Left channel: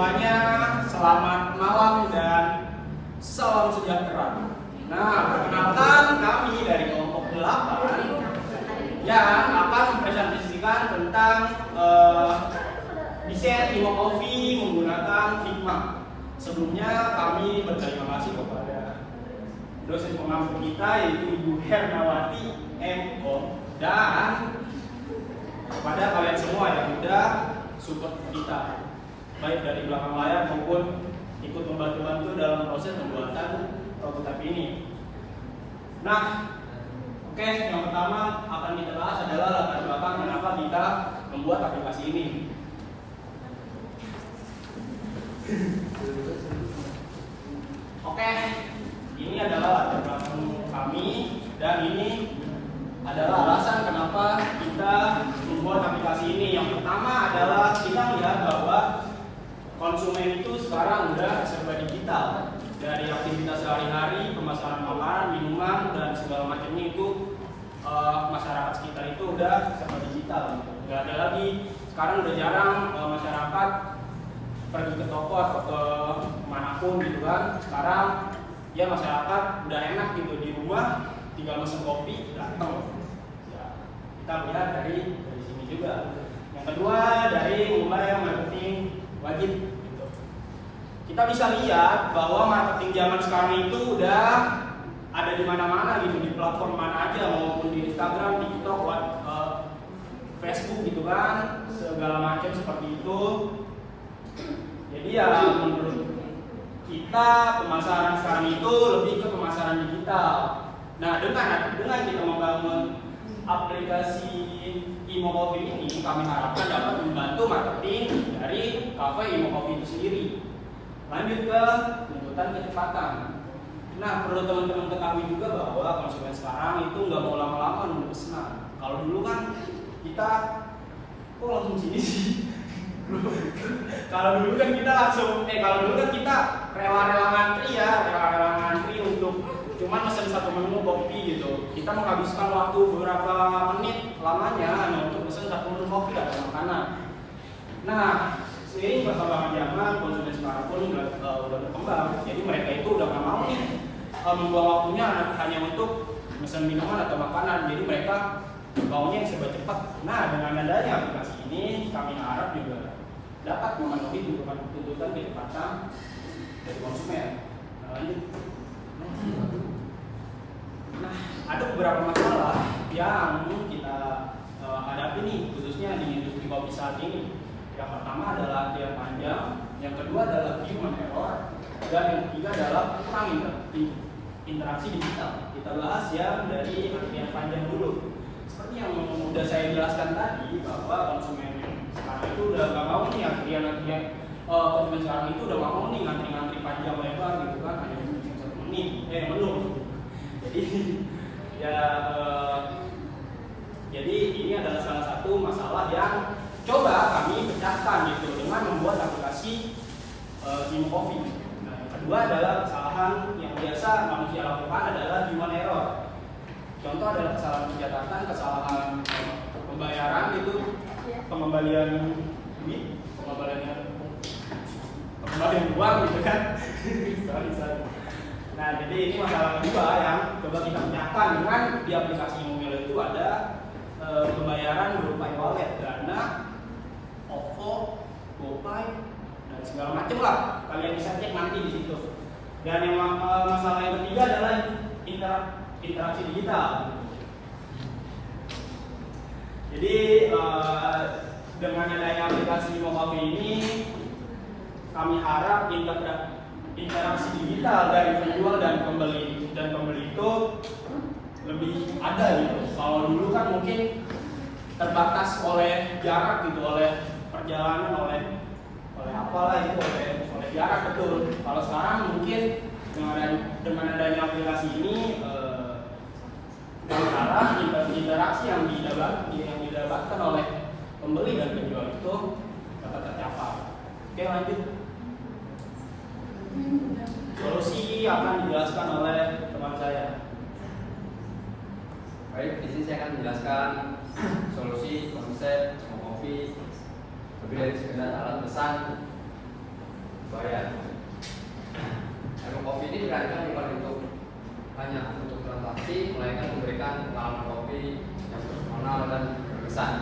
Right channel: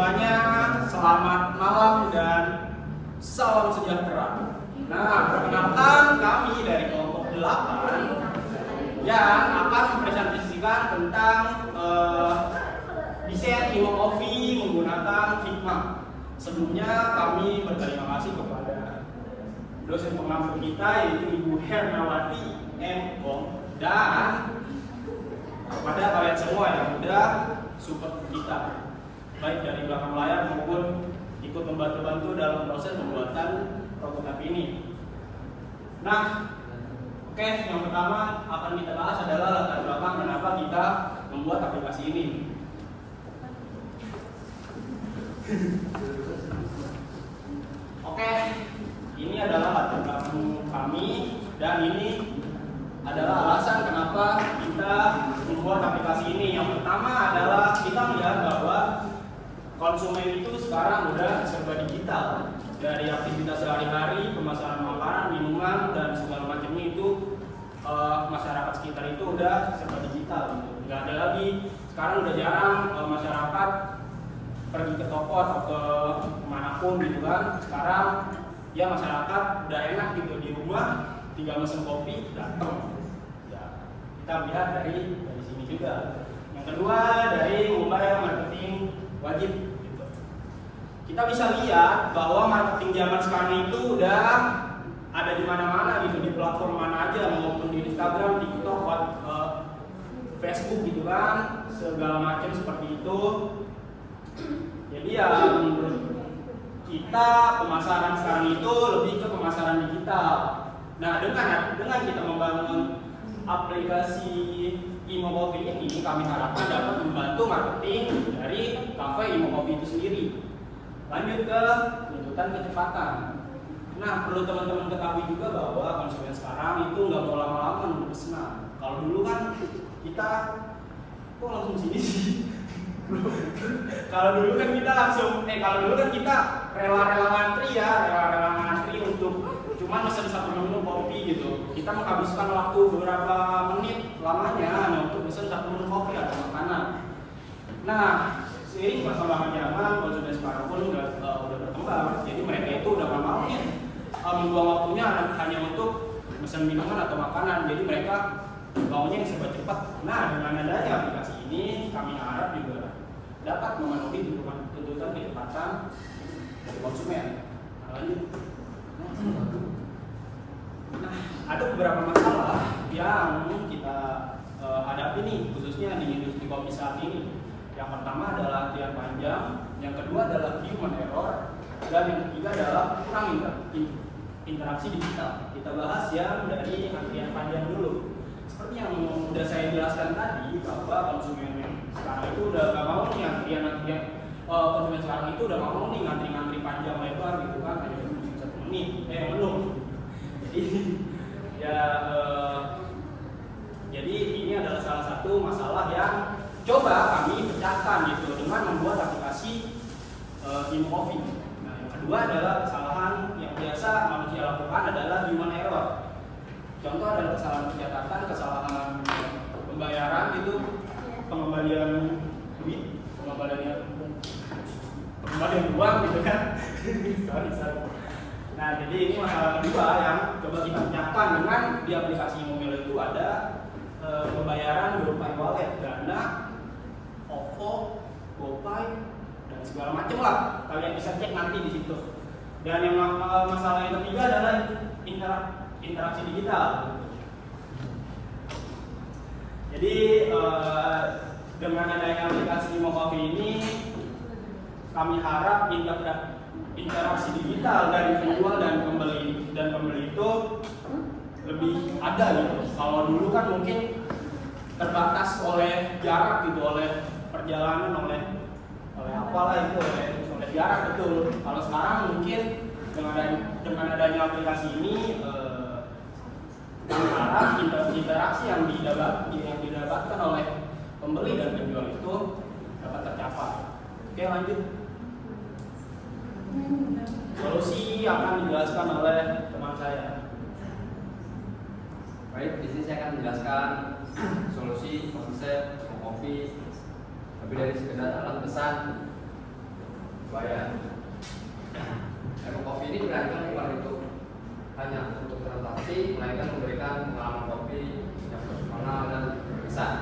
semuanya, selamat malam dan salam sejahtera. Nah, perkenalkan kami dari kelompok 8 yang akan mempresentasikan tentang desain Imo Coffee menggunakan Figma. Sebelumnya kami berterima kasih kepada dosen pengampu kita yaitu Ibu Hernawati M.Com dan kepada kalian semua yang udah support kita baik dari belakang layar maupun ikut membantu-bantu dalam proses pembuatan prototipe ini. Nah, oke, yang pertama akan kita bahas adalah latar belakang kenapa kita membuat aplikasi ini. Oke, ini adalah latar belakang kami dan ini adalah alasan kenapa kita membuat aplikasi ini. Yang pertama adalah kita melihat bahwa konsumen itu sekarang udah serba digital. Dari aktivitas sehari-hari, pemesanan makanan, minuman, dan segala macamnya itu masyarakat sekitar itu udah serba digital. Nggak ada lagi, sekarang udah jarang masyarakat pergi ke toko atau ke manapun gitu kan. Sekarang ya masyarakat udah enak gitu di rumah, tinggal mesen kopi datang. Ya, kita lihat dari sini juga. Yang kedua dari mulai marketing wajib gitu. Kita bisa lihat bahwa marketing zaman sekarang itu udah ada di mana-mana gitu, di platform mana aja maupun di Instagram, TikTok, Facebook gitu kan, segala macam seperti itu. Jadi ya menurut kita pemasaran sekarang itu lebih ke pemasaran digital. Nah, dengan kita membangun aplikasi Imo Coffee ini, kami harapkan dapat membantu marketing dari cafe Imo Coffee itu sendiri. Lanjut ke tuntutan kecepatan. Nah, perlu teman-teman ketahui juga bahwa konsumen sekarang itu nggak mau lama-lama nunggu pesanan. Kalau dulu kan kita kok langsung sini sih. Kalau dulu kan kita rela-rela ngantri untuk cuman mesen satu menu kopi gitu. Kita menghabiskan waktu beberapa menit lamanya untuk mesen satu menu kopi atau makanan. Nah, seiring perkembangan zaman, konsumen sekarang pun udah berkembang. Jadi mereka itu udah nggak mau nih membuang waktunya hanya untuk mesen minuman atau makanan. Jadi mereka maunya yang serba cepat. Nah, dengan adanya aplikasi ini, kami harap juga dapat memenuhi tuntutan kecepatan dari konsumen. Nah, lanjut. Nah, ada beberapa masalah yang kita hadapi nih, khususnya di industri kopi saat ini. Yang pertama adalah antrian panjang, yang kedua adalah human error, dan yang ketiga adalah kurang interaksi digital. Kita bahas yang dari antrian panjang dulu. Seperti yang sudah saya jelaskan tadi, bahwa konsumen sekarang itu udah nggak mau nih konsumen sekarang itu udah nggak mau nih ngantri panjang lebar gitu kan, hanya untuk satu menu. Jadi ini adalah salah satu masalah yang coba kami pecahkan gitu dengan membuat aplikasi Imo Coffee. Nah, yang kedua adalah kesalahan yang biasa manusia lakukan adalah human error. Contoh adalah kesalahan pencatatan, kesalahan pembayaran itu, pengembalian duit, pengembalian uang gitu kan. sorry. Nah, jadi ini masalah kedua yang coba kita pecahkan dengan di aplikasi Imo itu ada pembayaran berupa e-wallet, Dana, OVO, GoPay, dan segala macam lah. Kalian bisa cek nanti di situ. Dan yang masalah yang ketiga adalah interaksi digital. Jadi dengan adanya aplikasi Imo Coffee ini, kami harap interaksi digital dari penjual dan pembeli itu lebih ada gitu. Kalau dulu kan mungkin terbatas oleh jarak gitu, oleh perjalanan, oleh apalah itu, oleh jarak betul. Kalau sekarang mungkin dengan adanya aplikasi ini kami harap interaksi yang didapatkan oleh pembeli dan penjual itu dapat tercapai. Oke, lanjut. Solusi akan dijelaskan oleh teman saya. Baik, di sini saya akan menjelaskan solusi konsep Imo Coffee lebih dari sekedar alat pesan bayar. Kopi ini dirancang bukan hanya untuk transaksi, melainkan memberikan pengalaman kopi yang personal dan berkesan.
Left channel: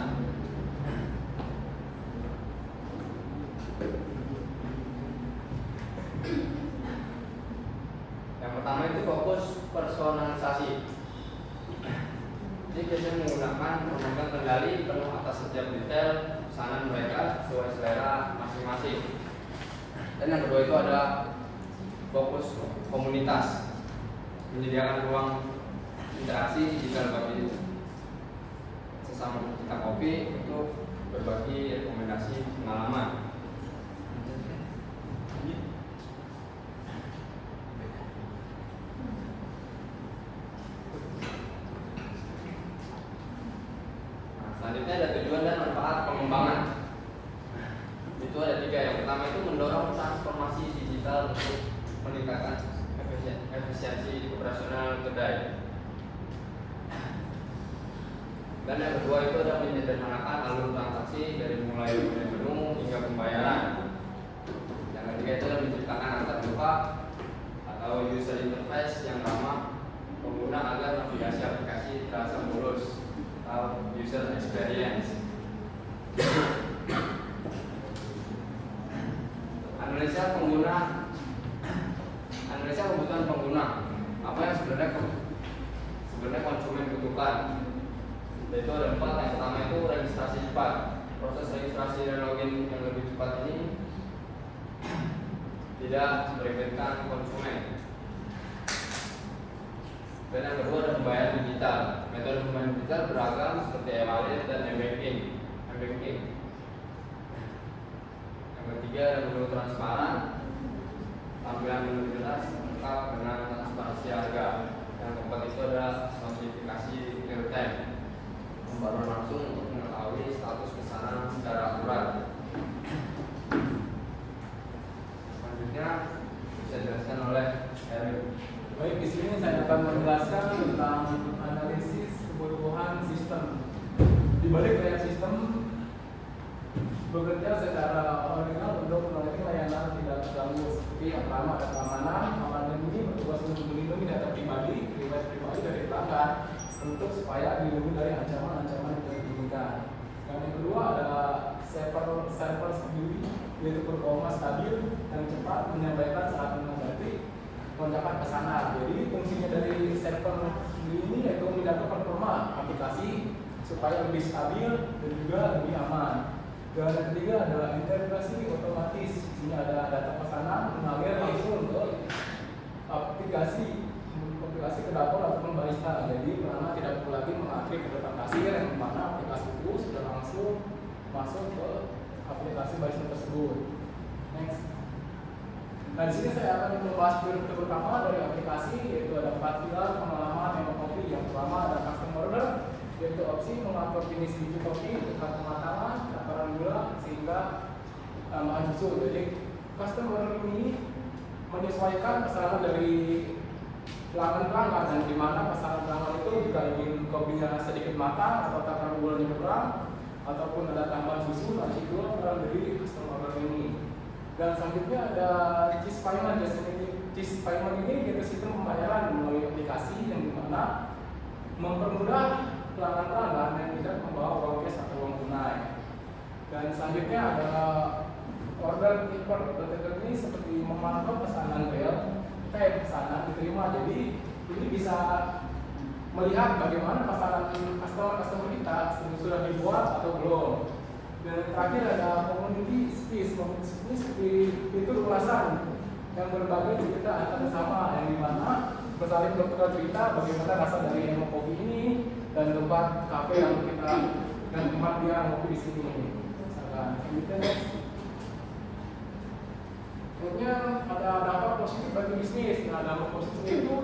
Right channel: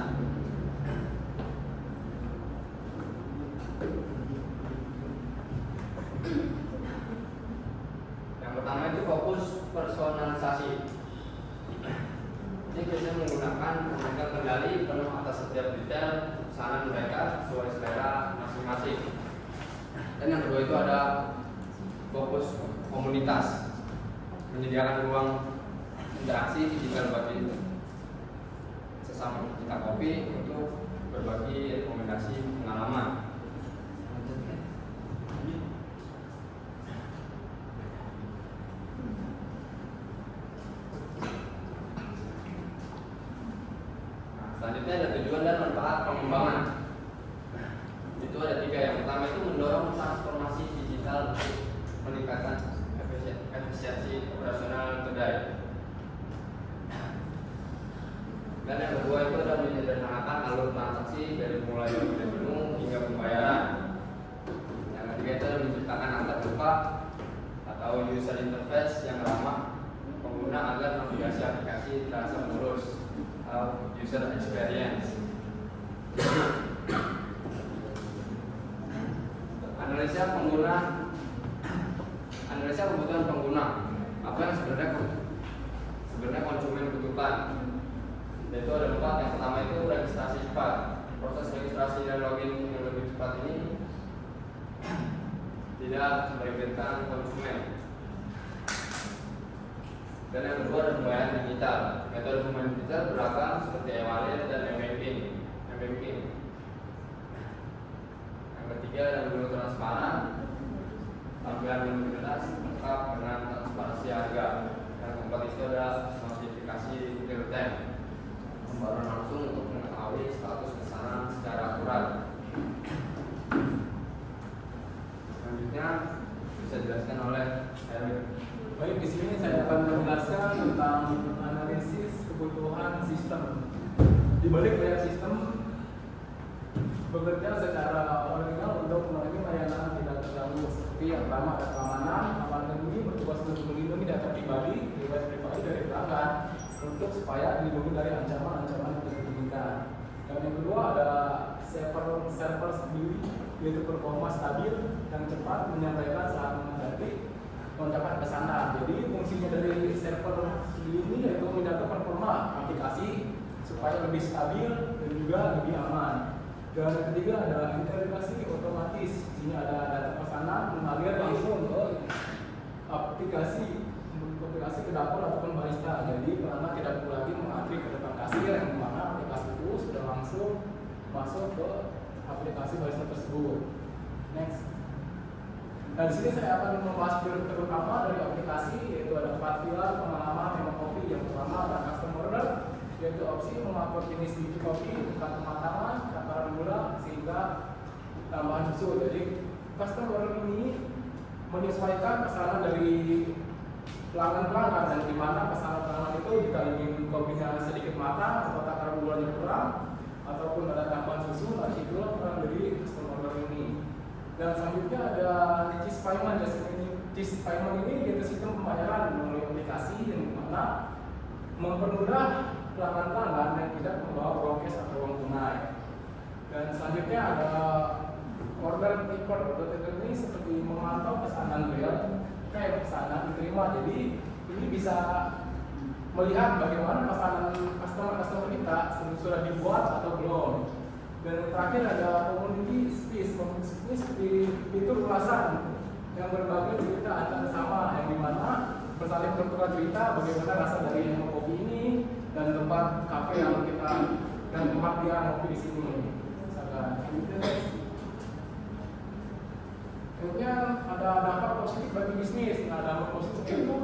Yang pertama itu fokus personalisasi. Jadi biasanya menggunakan memegang kendali penuh atas setiap detail pesanan mereka sesuai selera masing-masing. Dan yang kedua itu ada fokus komunitas, menyediakan ruang interaksi digital bagi sesama pecinta kopi untuk berbagi rekomendasi pengalaman. Selanjutnya ada tujuan dan manfaat pengembangan. Itu ada 3. Yang pertama itu mendorong transformasi digital untuk meningkatkan efisiensi operasional kedai. Dan yang kedua itu adalah menyederhanakan alur transaksi dari mulai menu hingga pembayaran. Yang ketiga itu adalah menciptakan antarmuka atau user interface yang ramah pengguna agar navigasi aplikasi terasa mulus atau user experience. Analisa kebutuhan pengguna. Apa yang sebenarnya konsumen butuhkan. Yaitu ada 4. Yang pertama itu registrasi cepat. Proses registrasi dan login yang lebih cepat ini tidak meribetkan konsumen. Dan yang kedua ada pembayaran digital. Metode pembayaran digital beragam seperti e-wallet dan m-banking. Yang ketiga ada menu transparan, tampilan menu jelas lengkap dengan transparansi harga. Yang keempat itu ada notifikasi real time, pembaruan langsung untuk mengetahui status pesanan secara akurat. Selanjutnya bisa dijelaskan oleh Eric. Baik, di sini saya akan menjelaskan tentang analisis kebutuhan sistem. Di balik layar sistem bekerja secara original untuk memenuhi layanan tidak terganggu. Seperti yang pertama ada keamanan. Keamanan ini bertugas untuk melindungi data pribadi, riwayat pribadi dari pelanggan untuk supaya dilindungi dari ancaman-ancaman yang tidak diinginkan. Yang kedua ada server sendiri, yaitu performa stabil dan cepat menyampaikan saat menghadapi lonjakan pesanan. Jadi fungsinya dari server ini yaitu menjaga performa aplikasi supaya lebih stabil dan juga lebih aman. Dan yang ketiga adalah integrasi otomatis. Ini ada data pesanan mengalir langsung ke aplikasi ke dapur ataupun barista. Jadi pelanggan tidak perlu lagi mengantri ke depan kasir, yang mana aplikasi itu sudah langsung masuk ke aplikasi barista tersebut. Next. Nah, di sini saya akan membahas terutama dari aplikasi, yaitu ada 4 pilar pengalaman memang kopi. Yang pertama ada customer order, yaitu opsi mengatur jenis biji kopi, tingkat kematangan, takaran gula, sehingga tambahan susu. Jadi customer order ini menyesuaikan pesanan dari pelanggan dan di mana pesanan pelanggan itu jika ingin kopinya sedikit matang atau takaran gulanya kurang ataupun ada tambahan susu, nah itu kurang dari customer order ini. Dan selanjutnya ada cheese payment. Cheese payment ini yaitu sistem pembayaran melalui aplikasi yang dimana mempermudah pelanggan yang tidak membawa uang cash atau uang tunai. Dan selanjutnya ada order taker. Order taker ini seperti memantau pesanan pesanan diterima. Jadi ini bisa melihat bagaimana pesanan customer kita sudah dibuat atau belum. Dan yang terakhir ada community space. Community space seperti fitur ulasan yang berbagai cerita antara sama, yang dimana bersaling bertukar cerita bagaimana rasa dari yang kopi ini dan tempat kafe yang kita dan tempat dia ngopi di sini. Misalkan, Akhirnya ada dampak positif bagi bisnis. Nah, dampak positif itu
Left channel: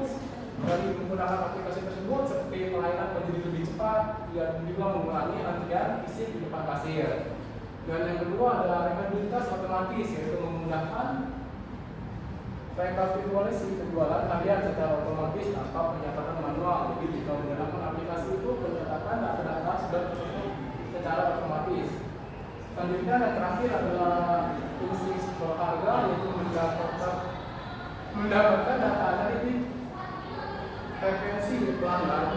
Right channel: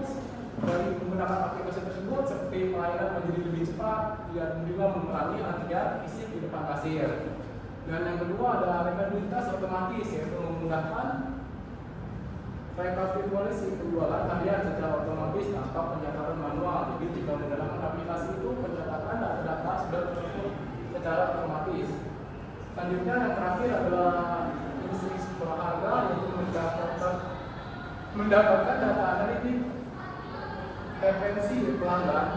dari menggunakan aplikasi tersebut seperti pelayanan menjadi lebih cepat dan juga mengurangi antrian fisik di depan kasir. Dan yang kedua ada rekapitulasi otomatis, yaitu memudahkan rekapitulasi penjualan harian secara otomatis tanpa pencatatan manual. Jadi jika menggunakan aplikasi itu pencatatan data-data sudah tertutup secara otomatis. Selanjutnya yang terakhir adalah fungsi harga, yaitu mendapatkan data analitik referensi pelanggan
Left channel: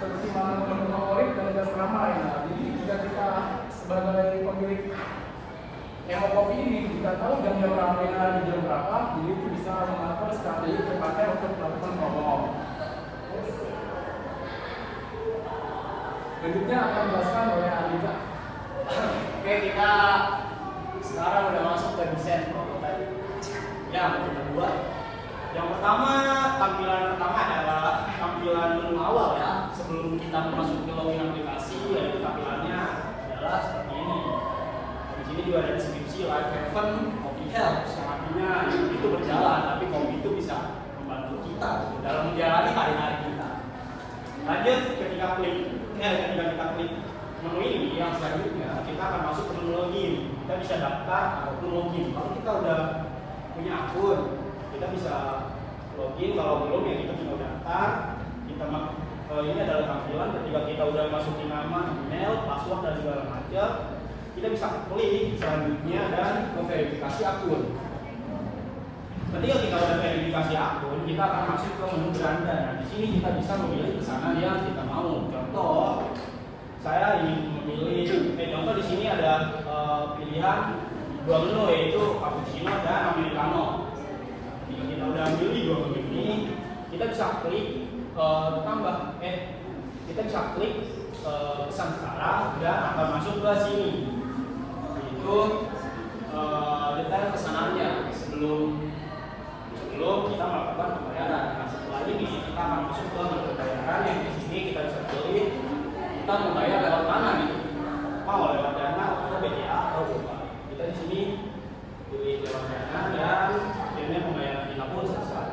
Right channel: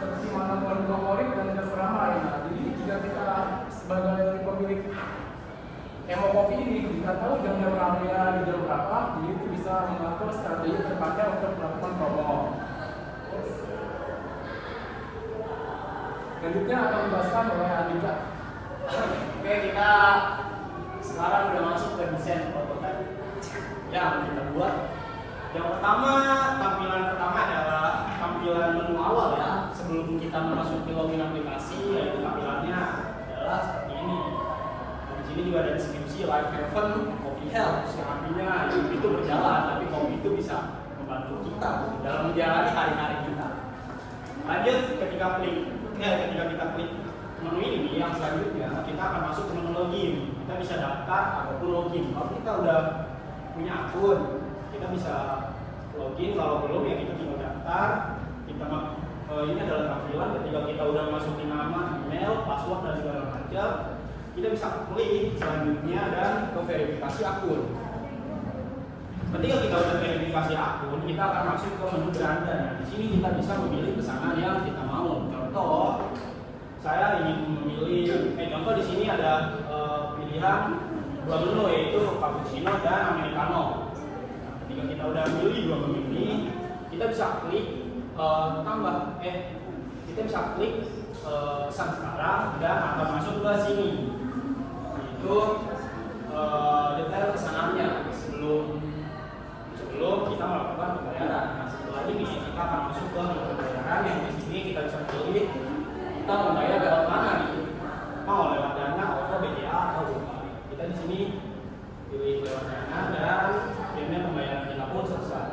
seperti mana nomor favorit dan nomor ramai. Nah, jadi jika kita sebagai pemilik Emokopi ini kita tahu jam-jam ramainya di jam berapa, jadi itu bisa mengatur strategi tepatnya untuk melakukan promo. Selanjutnya akan dijelaskan oleh Andika. Oke, kita sekarang udah masuk ke desain prototipe yang kita buat. Yang pertama, tampilan pertama adalah tampilan menu awal ya. Sebelum kita masuk ke login aplikasi, yaitu tampilannya adalah seperti ini. Di sini juga ada deskripsi live event Coffee Helps, yang artinya itu berjalan, tapi kopi itu bisa membantu kita dalam menjalani hari-hari kita. Lanjut, ketika kita klik menu ini, yang selanjutnya kita akan masuk ke menu login. Kita bisa daftar ataupun login. Kalau kita udah punya akun, kita bisa login. Kalau belum ya kita tinggal daftar. Ini adalah tampilan ketika kita udah masukin nama, email, password dan segala macam. Kita bisa klik selanjutnya dan ke verifikasi akun. Ketika kita udah verifikasi akun, kita akan masuk ke menu beranda. Nah, di sini kita bisa memilih pesanan yang kita mau. Contoh, saya ingin memilih, contoh di sini ada pilihan dua menu, yaitu cappuccino dan americano. Ketika kita udah milih dua menu ini, kita bisa klik kita bisa klik pesan sekarang dan akan masuk ke sini. Itu detail pesanannya sebelum kita melakukan pembayaran. Nah, setelah ini kita akan masuk ke menu pembayaran yang di sini kita bisa pilih kita mau bayar lewat mana gitu, mau lewat Dana atau BCA atau apa. Kita di sini pilih lewat Dana dan akhirnya pembayaran kita pun selesai.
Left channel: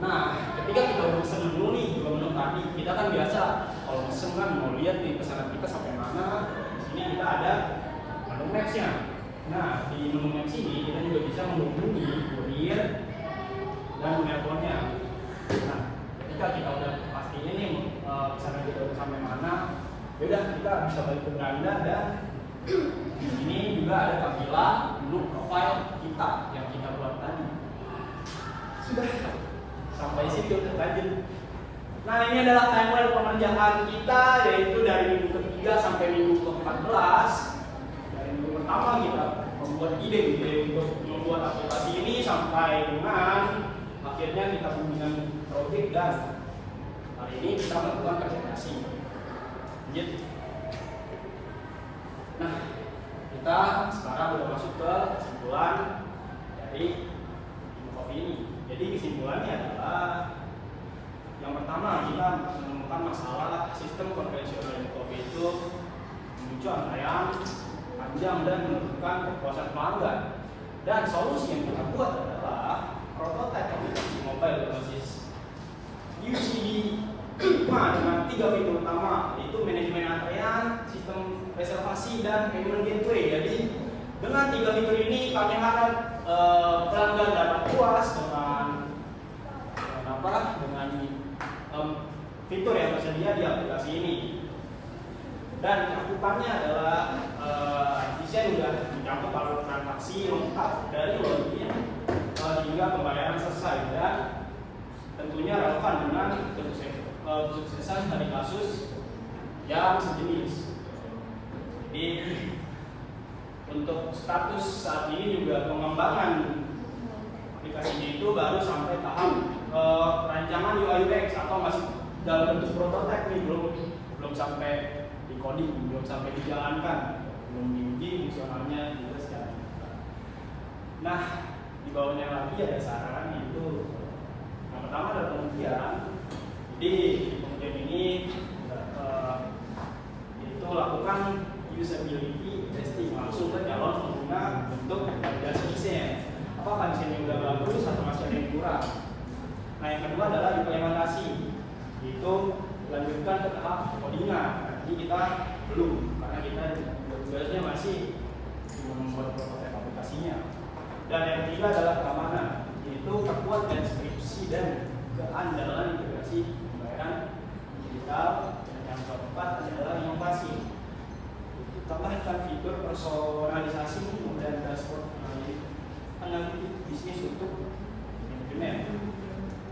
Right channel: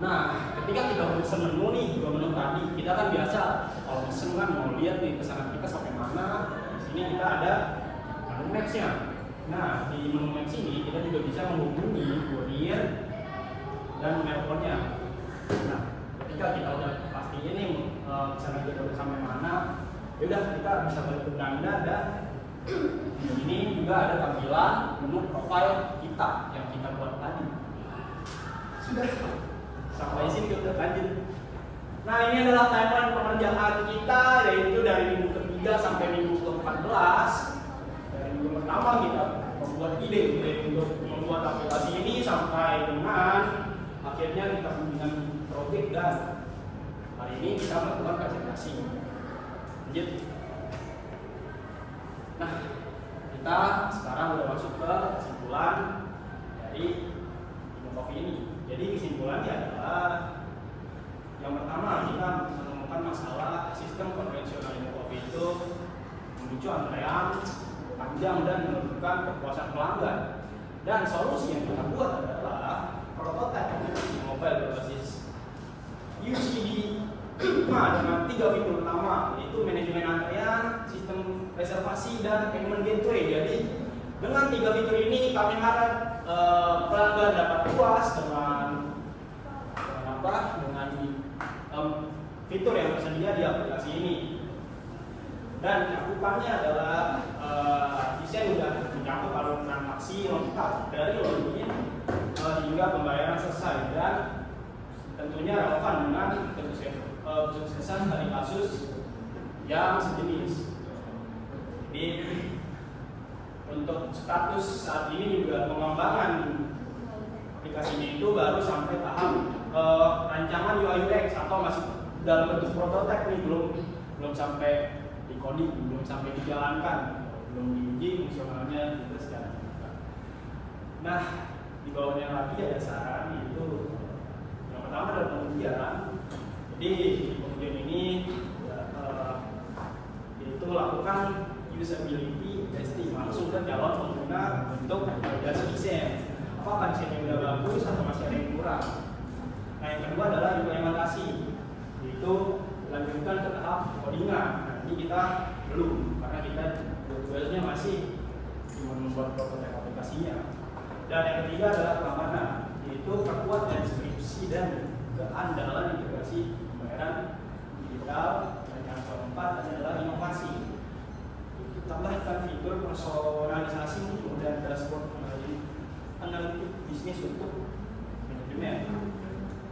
Nah, ketika kita mesen menu nih, dua menu tadi, kita kan biasa kalau mesen kan mau lihat nih pesanan kita sampai mana. Di sini kita ada menu maps-nya. Nah, di menu maps ini kita juga bisa menghubungi kurir dan teleponnya. Nah, ketika kita udah pastiin nih pesanan kita udah sampai mana, yaudah kita bisa balik ke Belanda. Dan di sini juga ada tampilan menu profile kita yang kita buat tadi. Sudah sampai situ lanjut. Nah, ini adalah timeline pengerjaan kita, yaitu dari minggu ketiga sampai minggu ke-14. Dari minggu pertama kita membuat ide untuk membuat aplikasi ini sampai dengan akhirnya kita bimbingan proyek dan hari ini kita melakukan presentasi. Lanjut. Nah, kita sekarang sudah masuk ke kesimpulan dari Emokopi ini. Jadi kesimpulannya adalah yang pertama, kita menemukan masalah sistem konvensional Emokopi itu memicu antrean panjang dan menentukan kepuasan pelanggan. Dan solusi yang kita buat adalah prototipe aplikasi mobile berbasis UCD Figma dengan 3 fitur utama, yaitu manajemen antrean, sistem reservasi, dan payment gateway. Jadi dengan 3 fitur ini kami harap pelanggan dapat puas dengan fitur yang tersedia di aplikasi ini. Dan cakupannya adalah desain sudah mencakup alur transaksi lengkap dari login hingga pembayaran selesai, dan tentunya relevan dengan kesuksesan dari kasus yang sejenis. Jadi untuk status saat ini juga pengembangan aplikasinya itu baru sampai tahap rancangan UI UX atau masih dalam bentuk prototipe nih, belum sampai di coding, belum sampai dijalankan, belum diuji fungsionalnya juga secara nyata. Nah, di bawahnya lagi ada saran, itu yang pertama adalah pengujian. Jadi di pengujian ini itu lakukan usability testing langsung ke calon pengguna untuk validasi desain. Apakah desainnya sudah bagus atau masih ada yang kurang? Nah, yang kedua adalah implementasi, yaitu lanjutkan ke tahap codingan. Nanti kita belum, karena kita biasanya masih cuma membuat prototipe aplikasinya. Dan yang ketiga adalah keamanan, yaitu perkuat deskripsi dan keandalan integrasi pembayaran digital. Dan yang keempat adalah inovasi, tambahkan fitur personalisasi dan dashboard analitik bisnis untuk manajemen.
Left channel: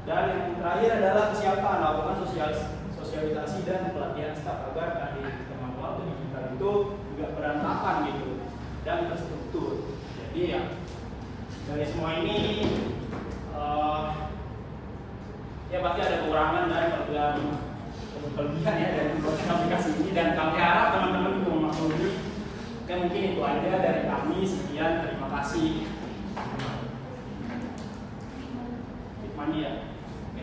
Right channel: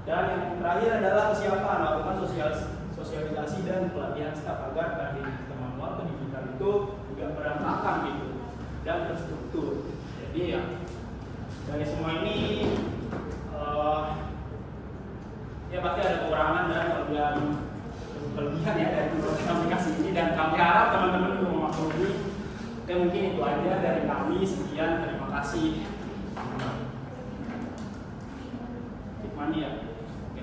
Dan yang terakhir adalah kesiapan, lakukan sosialisasi dan pelatihan staf agar tadi sistem waktu digital itu juga berantakan gitu dan terstruktur. Jadi ya dari semua ini ya pasti ada kekurangan dan kelebihan ya dari aplikasi ini, dan kami harap teman-teman juga memaklumi. Oke, mungkin itu aja dari kami. Sekian, terima kasih. Mandi ya. Oke.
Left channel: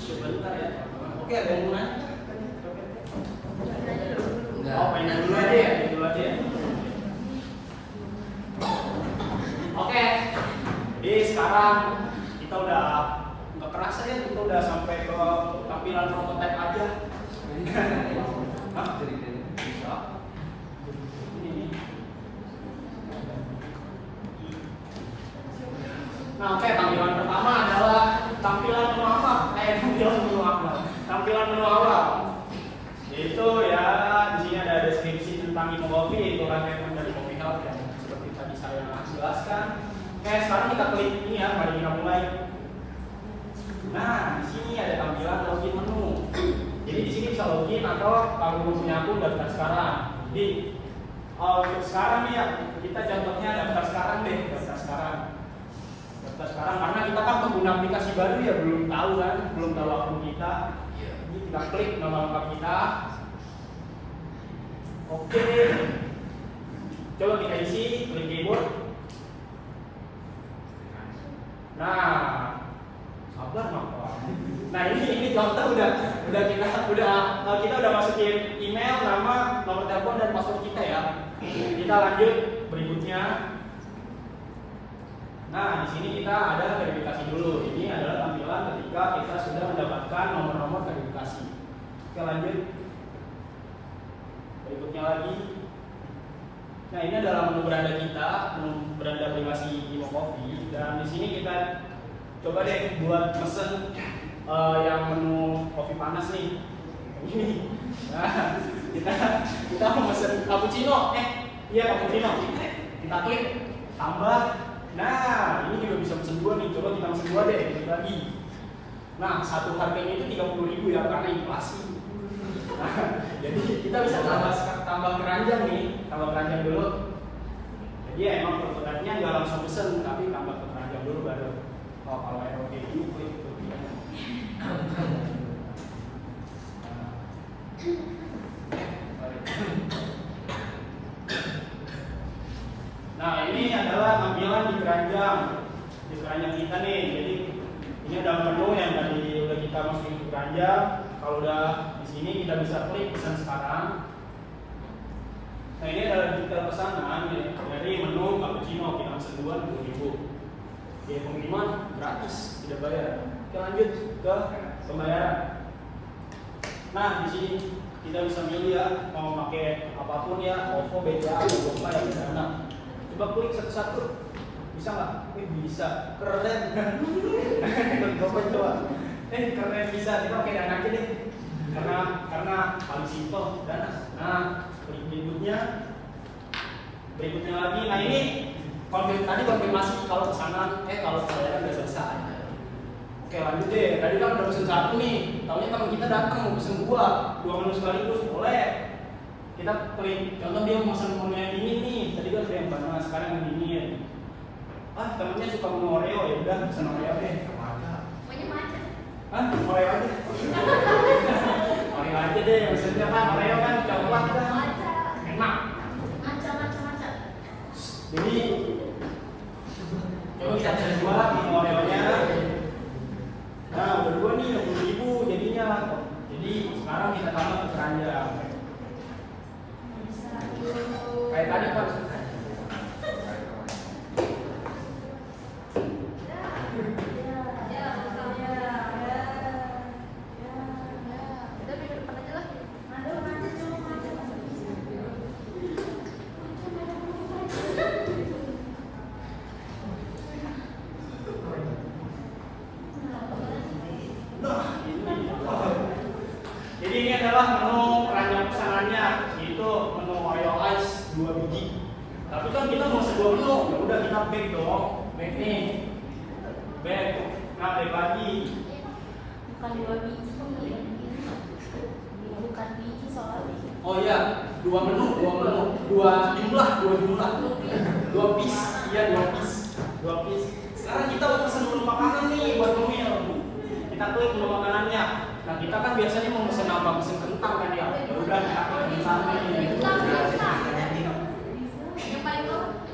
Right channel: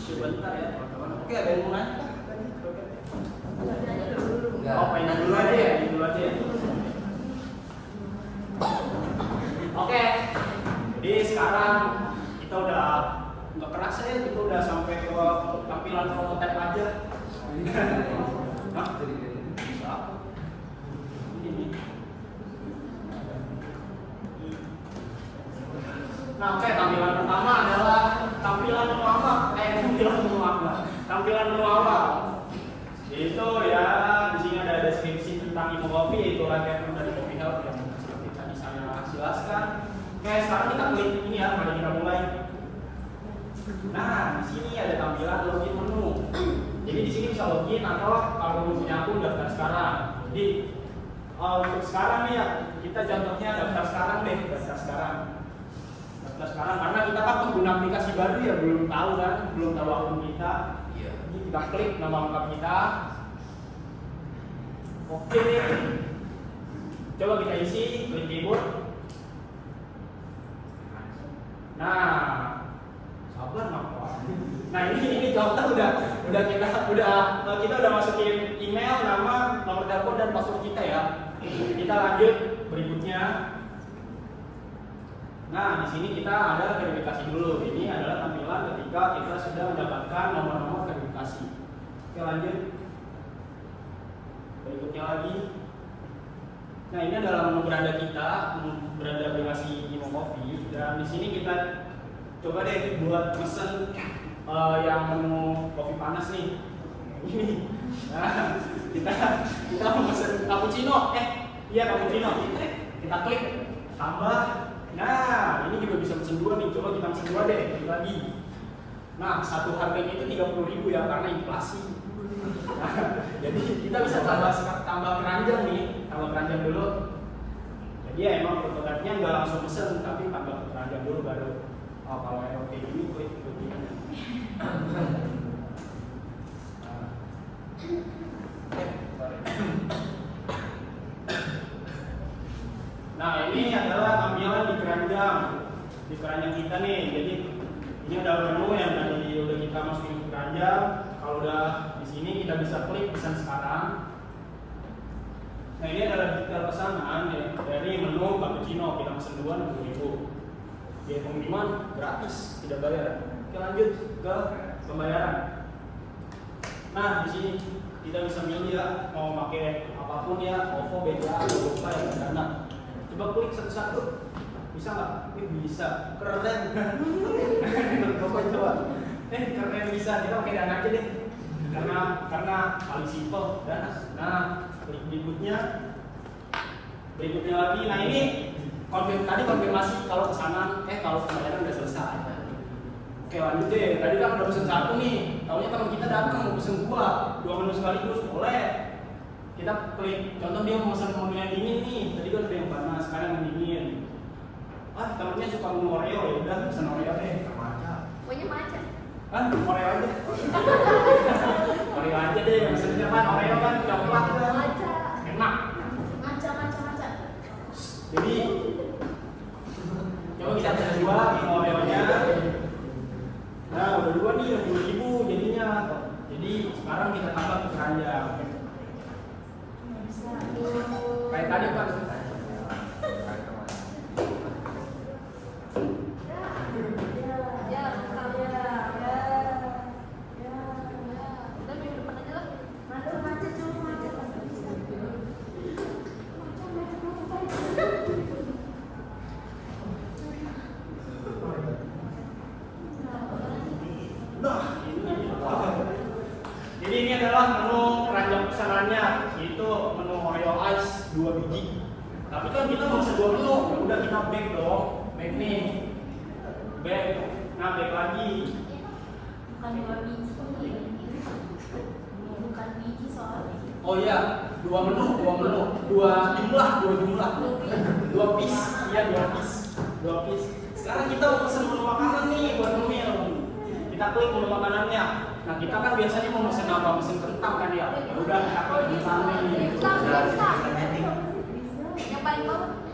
Sebentar ya teman-teman. Oke, ada yang mau nanya? Oh, pengen dulu aja ya, dulu aja ya. Oke, jadi sekarang kita udah nggak kerasa ya, kita udah sampai ke tampilan prototipe aja. Hah? Bisa? Ini. Nah, oke, tampilan pertama adalah tampilan menu awal. Tampilan menu awal. Itu ya di sini ada deskripsi tentang Imo Coffee, yaitu requirement dari Coffee House yang seperti tadi saya jelaskan. Oke, sekarang kita klik ini ya, mari kita mulai. Nah, di sini ada tampilan login menu. Jadi di sini bisa login atau kalau belum punya akun daftar sekarang. Jadi untuk sekarang nih ya, kita contohnya daftar sekarang deh, daftar sekarang. Daftar sekarang karena kita kan pengguna aplikasi baru ya, belum tahu kan, belum tahu akun kita. Jadi kita klik nama lengkap kita. Oke, coba kita isi, klik keyboard. Nah, sabar mak. Nah ini contoh kita udah masukin email, nama, nomor telepon dan password kita ya. Kita lanjut berikutnya. Nah di sini kita ada verifikasi dulu. Ini adalah tampilan ketika kita sudah mendapatkan nomor-nomor verifikasi. Oke, lanjut. Berikutnya lagi. Nah ini adalah menu beranda kita, menu beranda aplikasi Imo Coffee, dan di sini kita coba deh buat mesen yang menu kopi panas nih. Ini. Nah kita mau mesen cappuccino, cappuccino. Kita klik tambah. Nah ini juga bisa mesen dua nih. Coba kita mesen dua deh, klik lagi. Nah satu harganya itu 30.000 ya karena inflasi. Nah, jadi kita bisa tambah keranjang nih, tambah keranjang dulu. Jadi ya emang prototipenya nggak langsung pesen, tapi tambah keranjang dulu baru. Oh kalau yang oke ini klik ini. Nah ini adalah tampilan di keranjang kita nih. Jadi ini ada menu yang tadi udah kita masukin ke keranjang. Kalau udah di sini kita bisa klik pesan sekarang. Nah ini adalah detail pesanan ya, dari menu cappuccino. Kita pesan 20.000. Ya pengiriman gratis, tidak bayar. Oke, lanjut ke pembayaran. Nah di sini kita bisa milih ya mau pakai apapun ya, OVO, BCA, atau GoPay atau Dana. Coba klik satu-satu. Bisa nggak? Bisa. Keren. GoPay coba. Keren bisa. Kita pakai Dana aja deh. Karena paling simpel Dana. Nah, klik berikutnya lagi. Nah ini konfirmasi kalau pesanan kalau pembayaran udah selesai. Oke, lanjut deh. Tadi kan udah pesen satu nih. Taunya teman kita datang mau pesen dua menu sekaligus, boleh. Kita klik. Contoh dia mau pesen menu yang dingin nih. Tadi kan udah yang panas, sekarang yang dingin. Temennya suka menu Oreo, ya udah pesen Oreo deh. Oreo aja. Oreo aja deh, maksudnya kan Oreo kan coklat kan enak. Jadi coba kita cek dua di Oreo-nya. Nah udah dua nih 20.000 jadinya. Jadi sekarang kita tambah ke keranjang. Kayak tadi Pak. Tapi kan kita mau mesen 2 menu, ya udah kita back dong. Back nih. Back. Nah, back lagi. Bukan 2 biji. Bukan biji soalnya. Oh iya, 2 menu, 2 jumlah. 2 piece. Iya, 2 piece. 2 piece. Sekarang kita mau pesen menu makanan nih buat ngemil. Kita klik menu makanannya. Nah, kita kan biasanya mau pesen apa? Pesen kentang kan ya. Ya udah kita klik kentang nih.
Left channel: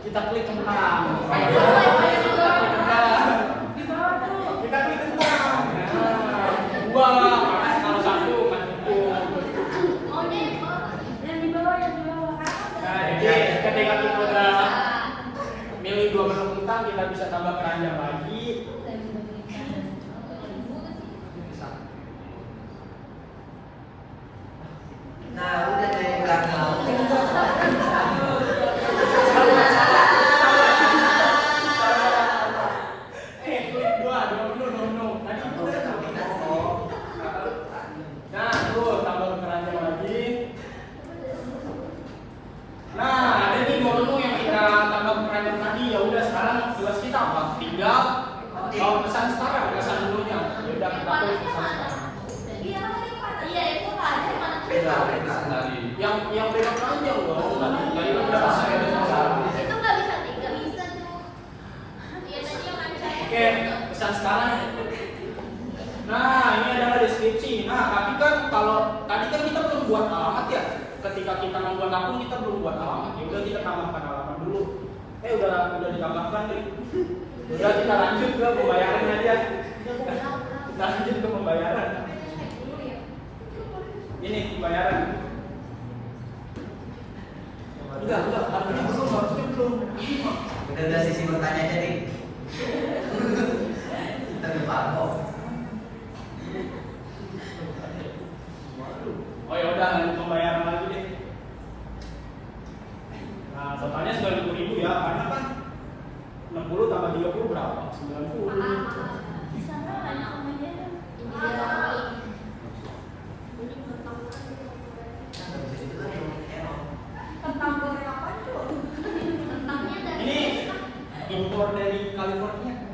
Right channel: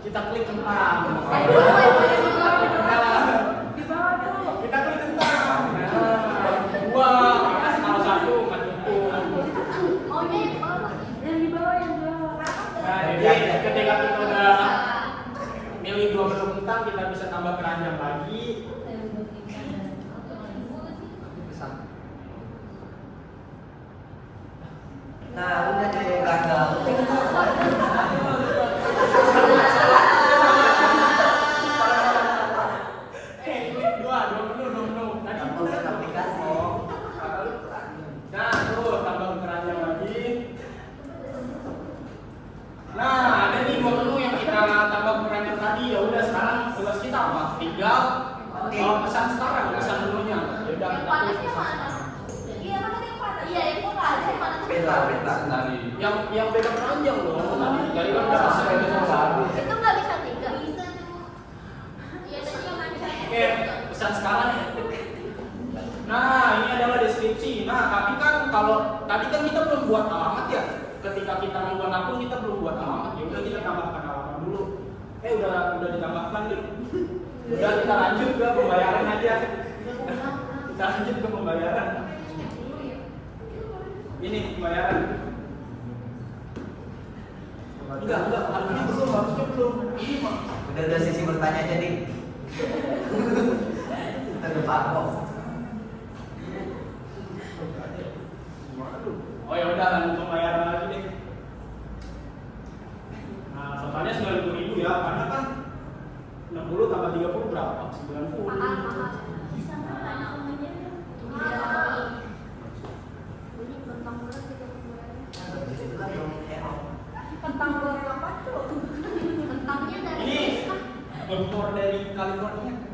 Kita klik kentang. Kita klik kentang. Nah, 2, kalau 1 nggak cukup. Nah, jadi ketika kita udah milih 2 menu kentang, kita bisa tambah keranjang lagi. Nah, udah deh gagal. Klik 2 menu. Tadi udah. Nah, tuh tambah keranjang lagi. Nah, ada nih 2 menu yang kita tambah keranjang tadi. Ya udah, sekarang tugas kita apa? Tinggal pesan sekarang, pesan menunya. Ya udah, kita klik pesan sekarang. Beda. Tadi. Yang beda keranjang dong. Tadi kan udah pesan beda sekarang. Oke, pesan sekarang. Nah, ini adalah deskripsi. Nah, tapi kan kalau tadi kan kita belum buat alamat ya. Ketika kita membuat akun kita belum buat alamat. Ya udah kita tambahkan alamat dulu. Udah ditambahkan nih. Udah kita lanjut ke pembayaran aja. Kita lanjut ke pembayaran. Ini pembayaran. Enggak, harusnya belum. Ini mah. Udah sisi bertanya aja nih. Terpapok. Oh ya udah, lanjut pembayaran lagi deh. Nah, totalnya 90.000 ya, karena kan 60 tambah 30 berapa? 90. Ini impor dari California.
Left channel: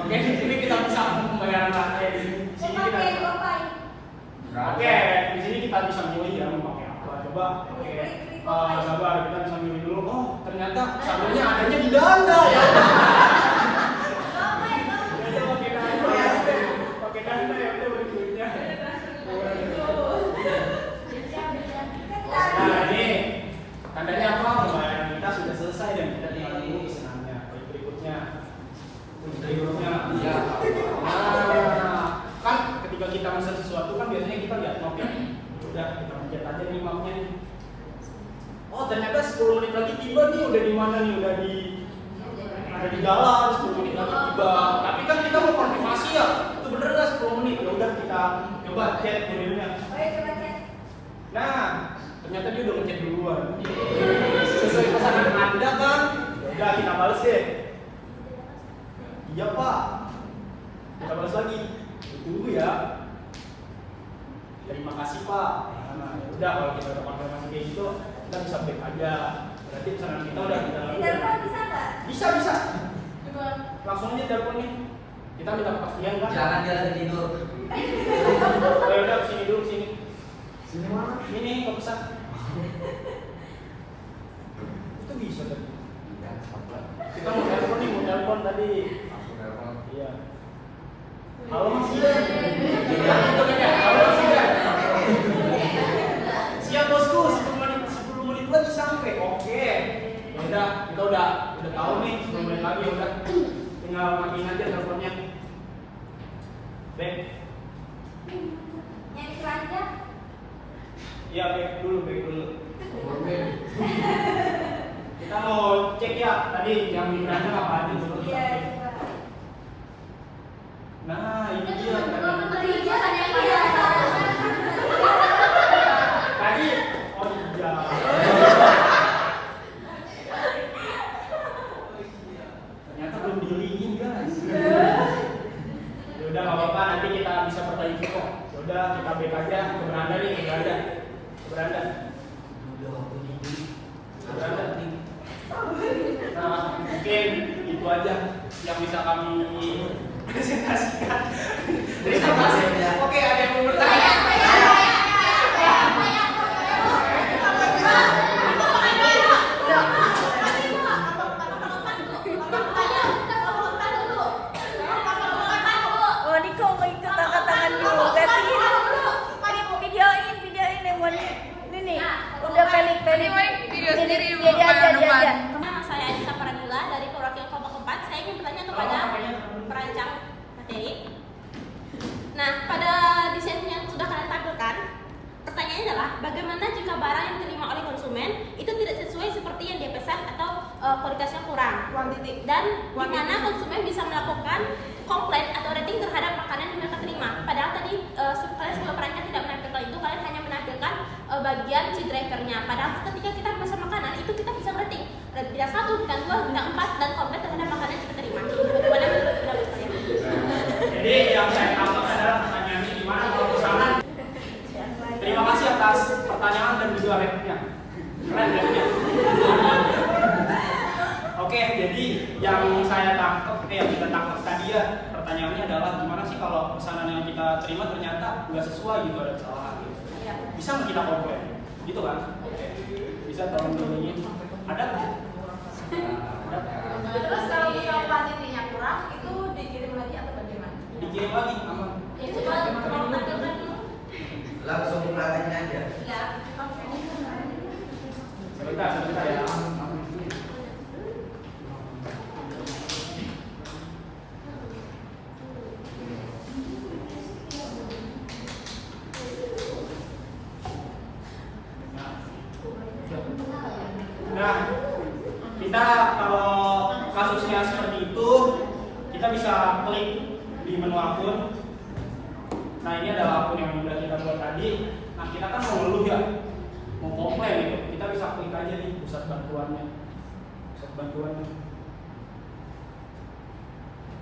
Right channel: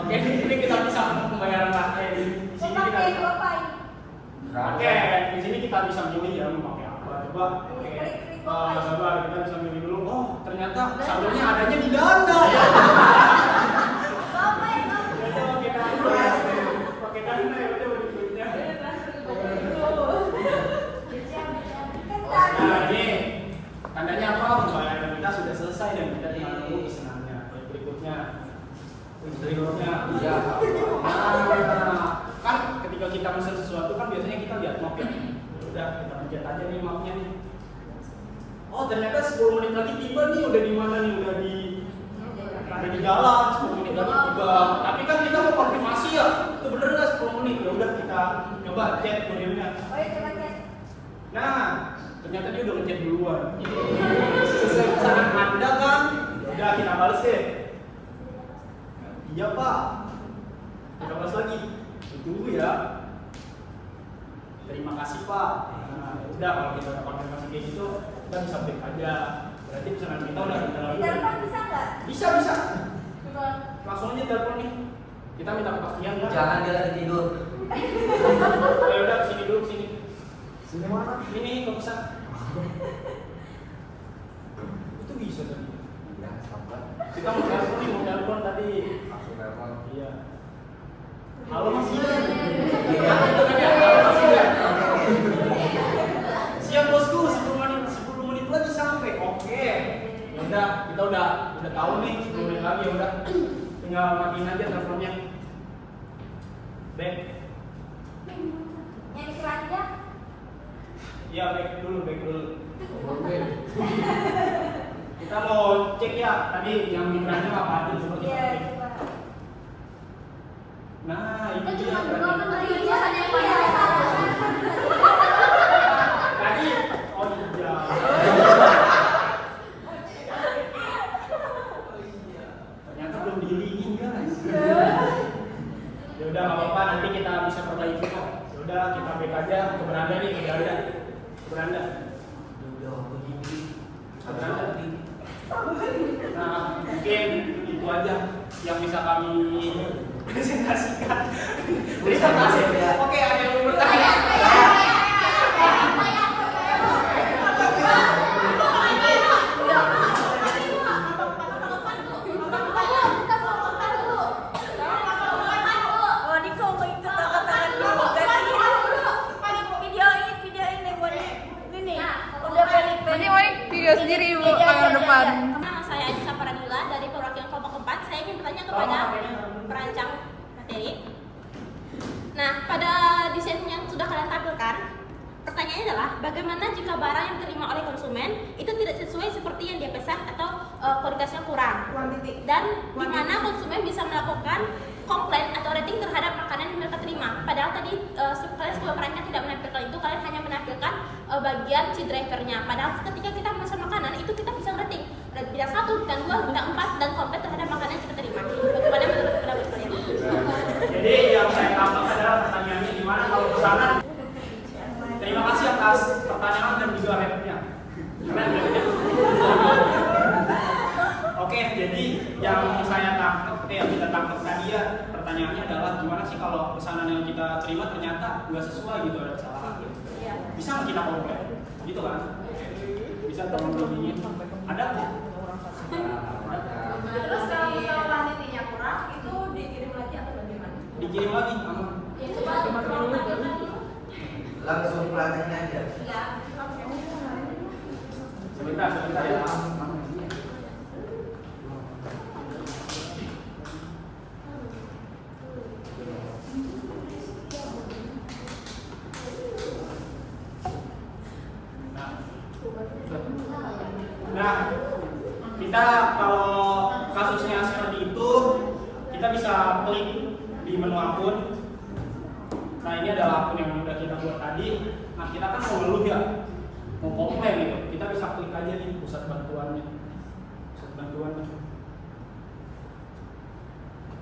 Oke, ini kita bisa pembayaran pakai di sini kita. Oke, di sini kita bisa milih ya mau pakai apa. Coba sabar, kita bisa milih dulu. Oh, ternyata saldonya adanya di Dana ya. Pakai Dana ya udah duitnya. Nah, ini tandanya apa? Pembayaran kita sudah selesai dan kita tinggal tunggu pesanannya. Berikutnya. Iya. Nah, kan ketika kita pesan sesuatu kan biasanya kita lihat map ya. Udah kita pencet aja nih mapnya nih. Oh, ternyata 10 menit lagi tiba nih, udah di mana nih? Udah di jalan, 10 menit lagi tiba. Tapi kan kita mau konfirmasi ya, itu bener nggak 10 menit? Ya udah kita coba chat kurirnya. Nah, ternyata dia udah ngechat duluan. Sesuai pesanan Anda kan? Ya udah kita balas deh. Iya Pak. Kita balas lagi. Tunggu ya. Terima kasih Pak. Nah, ya udah kalau kita udah konfirmasi kayak gitu, kita bisa back aja. Berarti pesanan kita udah Bisa. Langsung aja telepon nih. Kita minta kepastian kan? Jangan dia lagi tidur. Ya udah sini dulu sini. Sini mana? Ini kok pesan. Itu bisa tadi. Iya, sabar. Kita mau telepon tadi. Langsung telepon. Iya. Halo Mas Idan. Iya, itu kan ya. Halo Mas Idan. Siap bosku, 10 menit lagi sampai. Oke. Ya udah, kita udah tahu nih 10 menit lagi ya udah. Tinggal matiin aja teleponnya. Back. Iya, back dulu. Oke. Kita mau cek ya tadi yang di keranjang apa aja coba kita cek. Nah, ini dia keranjang. Tadi oh iya. Ternyata belum dilihat. apa-apa, nanti kita bisa perbaiki kok. Udah kita back aja ke beranda nih, ke beranda. Ke beranda. Ke beranda. Nah, mungkin itu aja yang bisa kami presentasikan. Terima kasih. Oke, ada yang mau bertanya? Oh, ini kok mau ikut angkat-tangan juga sih? Videoin deh buat ini nih. Udah pelik-pelik. Video sendiri dulu Jadi aja, layar jadi depan. aja. Nama saya Adita Paradila dari perwakilan kelompok 4. Saya ingin bertanya kepada perancang materi. Nah, pada desain yang sudah kalian tampilkan, pertanyaannya adalah bagaimana jika barang yang diterima oleh konsumen itu tidak sesuai seperti yang dia pesan atau kualitasnya kurang, dan di mana konsumen bisa melakukan komplain atau rating terhadap makanan yang mereka terima. Padahal tadi kalian sebagai perancang tidak menampilkan itu, kalian hanya menampilkan bagian si drivernya. Padahal ketika kita memesan makanan itu kita bisa rating bintang 1, bintang 2, bintang 4 dan komplain terhadap makanan yang kita terima. Bagaimana menurut pendapat kalian? Jadi yang saya tangkap adalah pertanyaannya gimana kalau pesanan. Terima kasih atas pertanyaan dan juga rap-nya. Keren rap-nya. Oke, jadi yang saya tangkap, yang kita tangkap tadi ya, pertanyaannya adalah gimana sih kalau pesanan yang kita terima ternyata nggak sesuai gitu, ada kesalahan gitu. Bisa nggak kita komplain? Gitu kan? Oke. Bisa tolong diinin. Ada nggak? Terus kalau misalnya kuantitinya kurang, itu dikirim lagi atau bagaimana? Dikirim lagi, aman. Langsung praktekin aja. Iya. Sebentar ya. Nah, kita kalau kasusnya seperti itu, kita bisa klik di menu akun. Nah, ini adalah akun yang sudah kita buat tadi. Nah, kita kan mau ngeluh ya, mau komplain gitu. Kita bisa klik aja nih pusat bantuannya. Pusat bantuannya.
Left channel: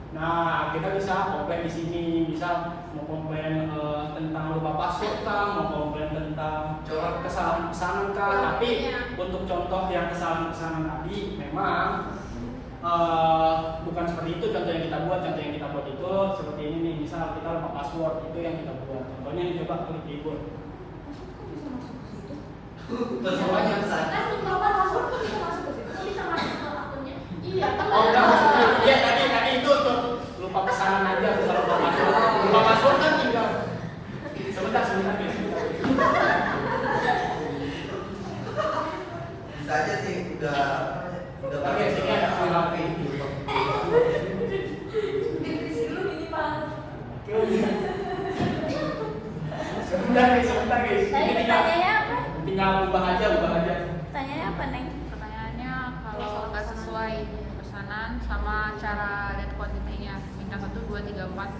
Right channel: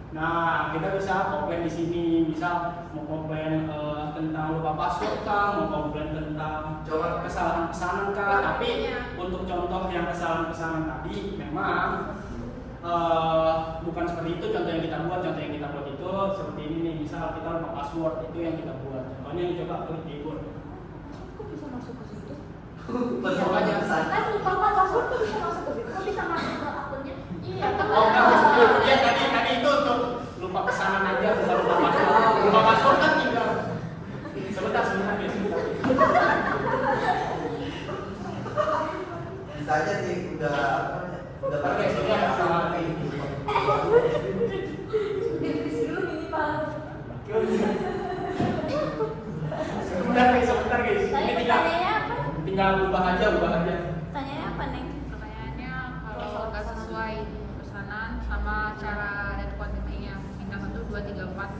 Nah, kita bisa komplain di sini. Bisa mau komplain tentang lupa password kah, mau komplain tentang Coba. kesalahan pesanan kah. Tapi untuk contoh yang kesalahan pesanan tadi, memang bukan seperti itu contoh yang kita buat. Contoh yang kita buat itu seperti ini nih. Misal kita lupa password, itu yang kita buat. Contohnya ini, coba klik di Word. Persoalannya besar. Oh enggak, maksudnya iya tadi itu untuk lupa pesanan aja, bukan lupa password. Lupa password kan tinggal sebentar guys. Bisa aja sih udah Oke, sini ada salah ini. Sebentar guys. Ini tinggal ubah aja. Tanyanya apa, Neng? Pertanyaannya kalau nggak sesuai pesanan sama cara dan kuantitinya, bintang 1, 2, 3, 4.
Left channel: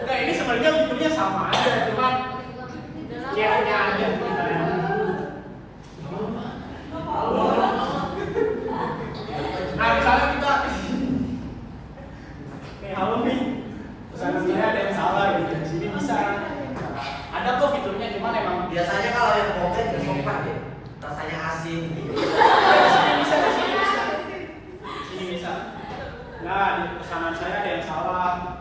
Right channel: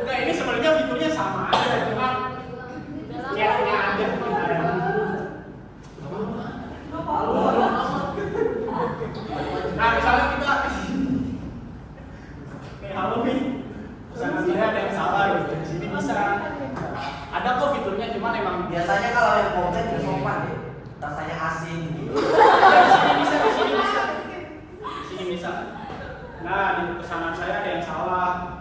Enggak, ini sebenarnya fiturnya sama aja, cuma chatnya aja kita ya. Nah, misalnya kita halo nih, pesanan saya ada yang salah gitu. Di sini bisa. Ada kok fiturnya, cuma emang biasanya kalau yang komplain itu sopan deh. Rasanya asin gitu. di sini bisa. Di sini bisa. Nah, di pesanan saya ada yang salah.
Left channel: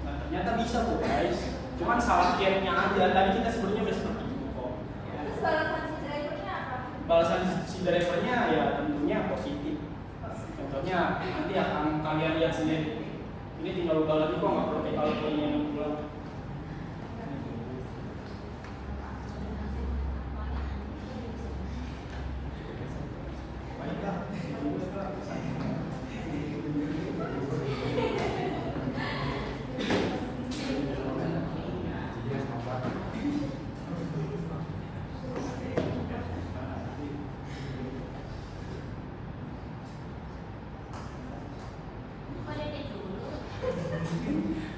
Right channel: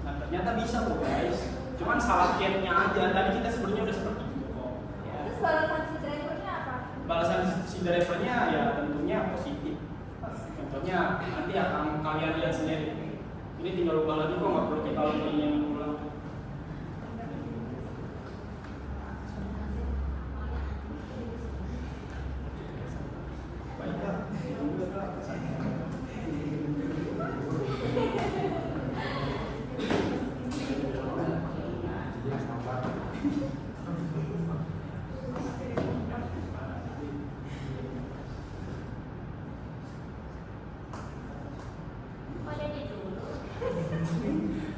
Nah, ternyata bisa kok guys. Cuman salah chatnya aja. Tadi kita sebenarnya udah seperti itu kok. Ya. Balasan si drivernya ya tentunya positif. Contohnya nanti akan kalian lihat sendiri. Ini tinggal ubah lagi kok, nggak perlu kita yang ulang. Baiklah.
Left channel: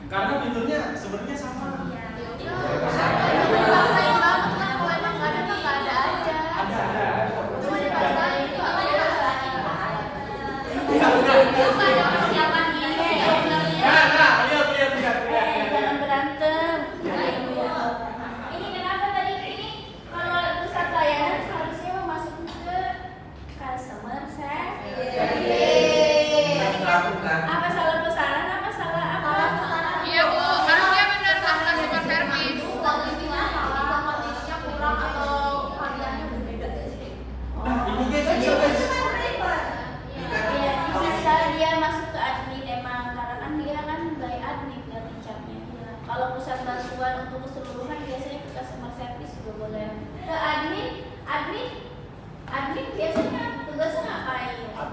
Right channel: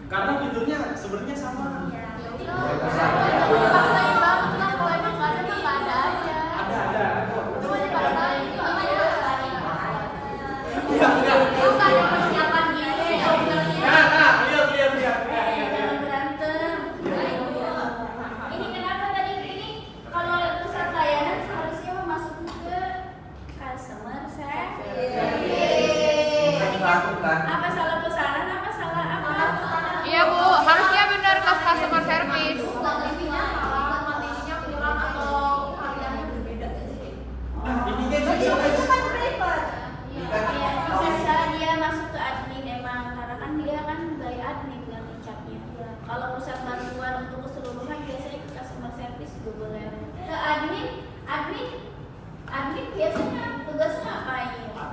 Karena fiturnya sebenarnya sama. Ada.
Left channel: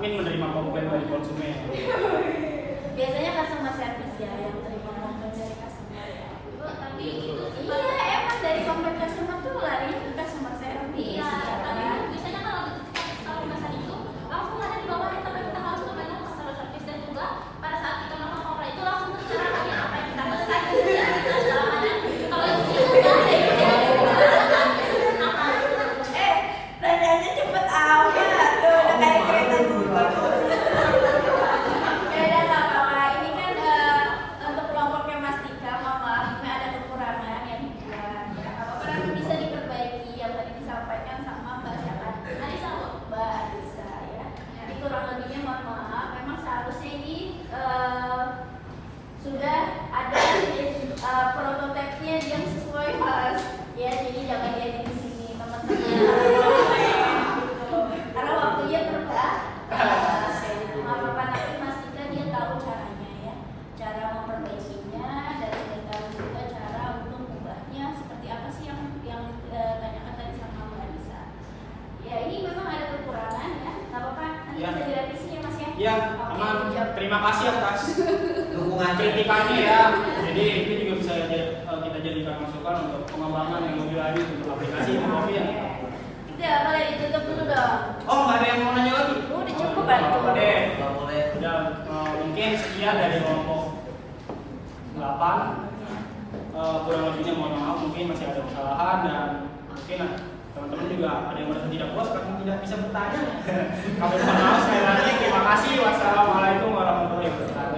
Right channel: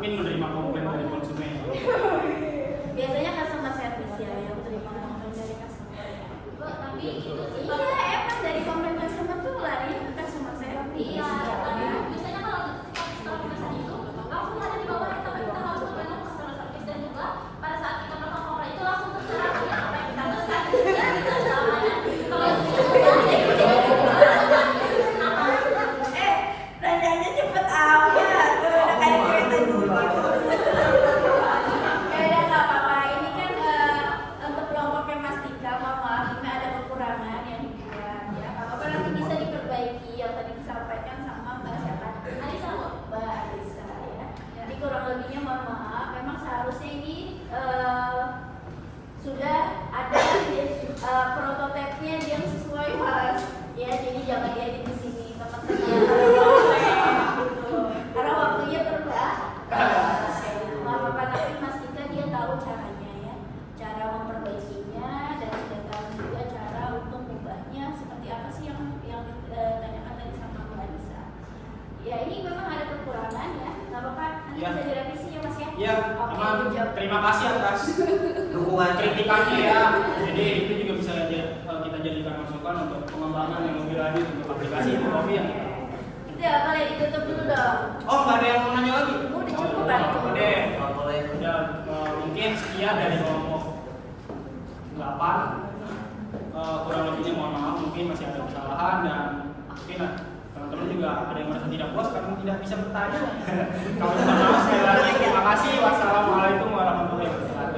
admin menerima komplain dari konsumen. Biasanya customer service ya yang terima komplain dari customer. Iya, emang dari komplain customer tuh lari ke customer service. Iya, Ya kan? biasanya kalau kita saat itu langsung lari ke bawah, tapi kita harus kembali ke customer service dan juga pada saat kita melakukan komplain itu langsung terserah apa yang kita pesan. Nanyanya cepet amat tuh, udah kayak kereta dulu. Ya udah nggak apa-apa. Ini kan untuk kelompoknya Mas Tika, mohon maaf, ini ada kekurangan yang dibuat ya. Apa-apa nanti bisa diperbaiki yang tadi disampaikan sama Mbak siapa? Mbak Alisa ya. Jadi kurang lebihnya mohon maaf. Memang seharusnya ini sudah ada prototipenya yang sesuai Mas. Ya, jadi jangan diedit di sini teman-teman. Karena waktunya terbatas. Apa-apa nanti Mas Tika dia tahu caranya ya, cara memperbaikinya dan tahu juga cara untuk mengubahnya seperti apa sih yang ditanyakan tadi sama Mbak Anissa. Ya ini memang ada kekurangan ya, nggak apa-apa nanti Ya. bisa direvisi ya Mas ya. Ya, Oke, emang jawab. terima kasih atas Dukungan kritikannya ya. Jadi itu juga bisa kita jadikan masukan untuk pengembangan yang lebih lanjut untuk aplikasi Mokofi yang kita lakukan. Itu ya boleh ditutup dulu dong. Oh, nggak ada yang mau nanya lagi? Udah cukup Oh, kan? nggak apa-apa deh. Kalau boleh. Udah, mungkin sekian dari kelompok 8. Kurang lebihnya mohon maaf, mungkin masih ada kesalahan dan mungkin teman-teman juga ada yang merasa tidak puas karena tidak bisa bertanya. Kami mohon maaf sekali lagi. Terima kasih. Wassalamualaikum warahmatullahi wabarakatuh.